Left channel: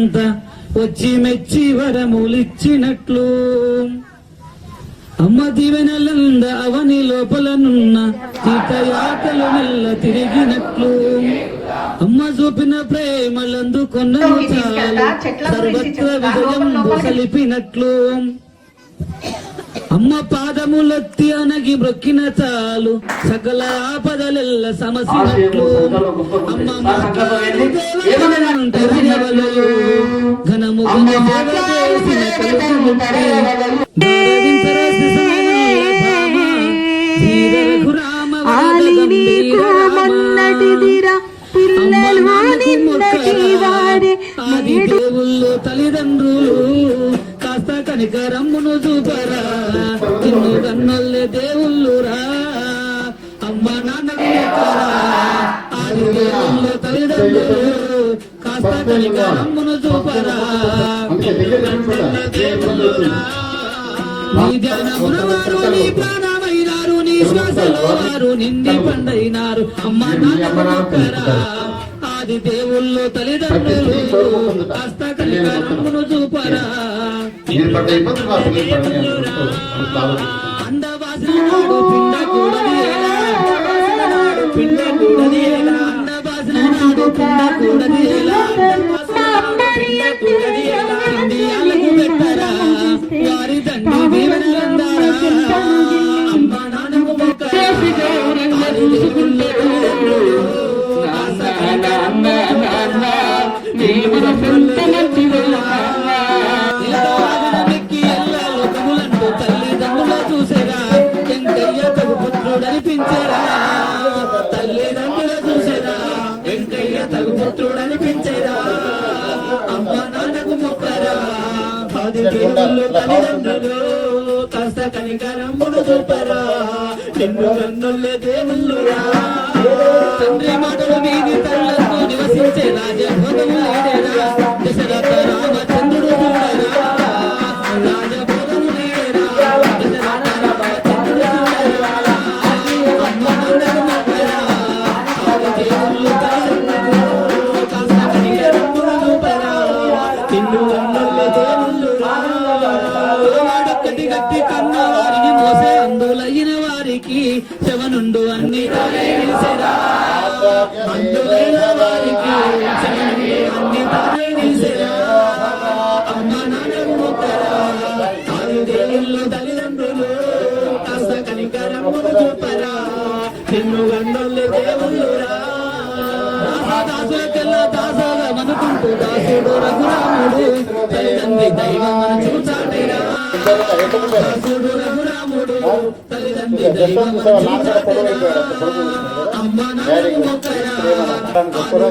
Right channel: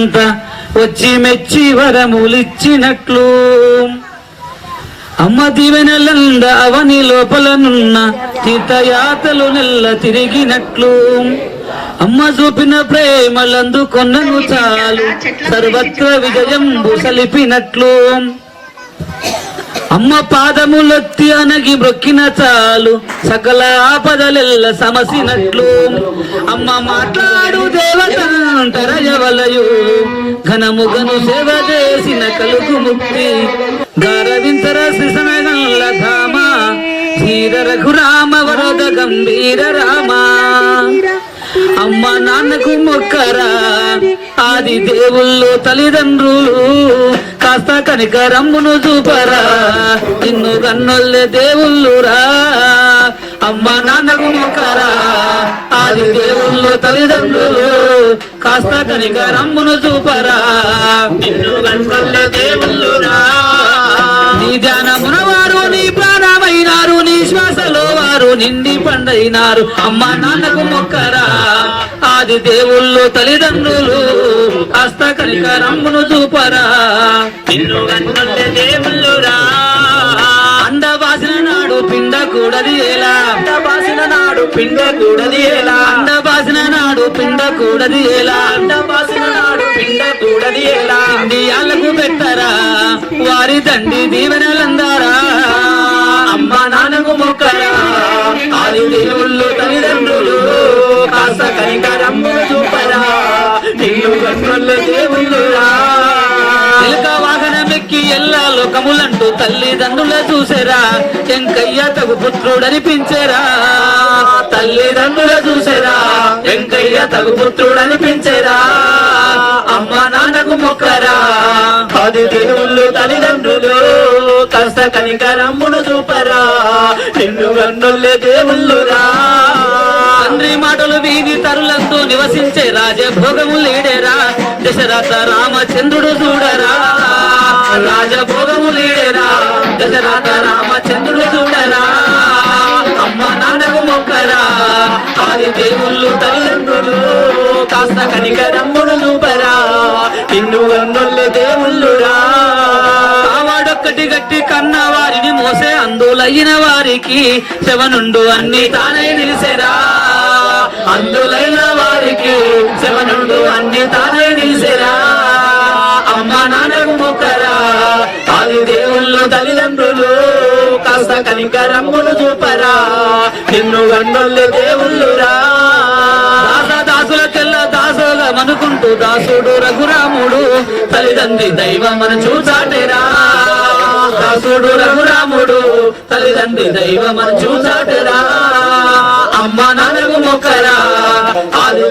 దేవతలంతా వచ్చి మెచ్చి వరములిచ్చినట్లు అమ్మ దీవెనలంద అవని లోపలనున్న తీర్థయాతలు నెల్ల తిరిగినట్లు అమ్మ చూపిన ప్రేమలందు కొన్నను చాలు సర్వత్ర విజయం సలిపినట్లు అమ్మ పాదములొత్తి అనగి బ్రొక్కిన చాలు సకల ఆపదలెల్ల సమసినట్లు అమ్మ మాట్లాడు దేవతలంటరయవలయు ఘనము ఘను సేవ చేసిన కలుగు ముక్తి దారవింతర శ్రీసనగల్ల ధామ ధీర రఘురామ వరద గంభీర రామ అమ్మ నాన్నకు మొక్కరా ఆది దేవుళ్ళు తల్లిదండ్రులు కాస్త కనికరమ్మును చూపరా నిన్ను కన్నొల్లే దేవుళ్ళురా అమ్మ నాన్నకు మొక్కరా ఆది దేవుళ్ళు తల్లిదండ్రులు కాస్త కనికరమ్మును చూపరా నిన్ను కన్నొల్లే దేవుళ్ళురా నీ ధ్యానమున వారు నీ ప్రాణమైనారు నీ శ్వాసలో వారు నిండి పండైనారు అమ్మ నాన్నకు మొక్కరా ఆది దేవుళ్ళు తల్లిదండ్రులు హస్త కనికరమ్మును చూపరా నిన్ను కన్నొల్లే దేవుళ్ళురా అండవాసిన నాడు పిండకూడది ఎలా అండవాసిన నాడు పిండకూడది ఎలా అండవాసిన నాడు పిండకూడది ఎలా అండవాసిన నాడు పిండకూడది ఎలా ఇండియాలకు పెట్టరా వారి తండ్రి దీవెనలందారా అమ్మ నాన్నకు మొక్కరా ఆది దేవుళ్ళు తల్లిదండ్రులు కాస్త కనికరమ్ము చూపరా నిన్ను కన్నొల్లే దేవుళ్ళురా ఎలుక వాహనమెక్కి ఎల్లా లోకములంటూ తల్లిదండ్రుల చూసేరా వెంకయ్య తగు పుత్రుడనిపించేరా తల్లిదండ్రుల చూసేరా వెంకయ్య తగు పుత్రుడనిపించేరా అమ్మ నాన్నకు మొక్కరా ఆది దేవుళ్ళు తల్లిదండ్రులు కాస్త కనికరమ్మును చూపరా నిన్ను కన్నొల్లే దేవుళ్ళురా తండ్రి మాటలు వీధి తరులంతో నివసించే రాజభోగము లేడేరా దశరథ రామచంద్రుడు చూడరా రాజభోగము లేడేరా దశరథ రామచంద్రుడు చూడరా అమ్మ నాన్నకు మొక్కరా ఆది దేవుళ్ళు తల్లిదండ్రులు కాస్త కనికరమ్మును చూపరా నిన్ను కన్నొల్లే దేవుళ్ళురా వాడొక్కటి గట్టి కన్న వారిని మోసే అందులైన వారికి శవనుండు అన్ని తానే నిలిసేరా అందులైన వారికి శవనుండు అన్ని తానే నిలిసేరా అమ్మ నాన్నకు మొక్కరా ఆది దేవుళ్ళు తల్లిదండ్రులు కాస్త కనికరమ్మును చూపరా నిన్ను కన్నొల్లే దేవుళ్ళురా దాసులకెల్ల దాసోలమనుకుంటూ దాసుడు రఘురాముడు తల్లిదండ్రి దైవమన చూచాటేరా దాసుడు రఘురాముడు తల్లిదండ్రి దైవమన చూచాటేరా అమ్మ నాన్నకు మొక్కరా ఆది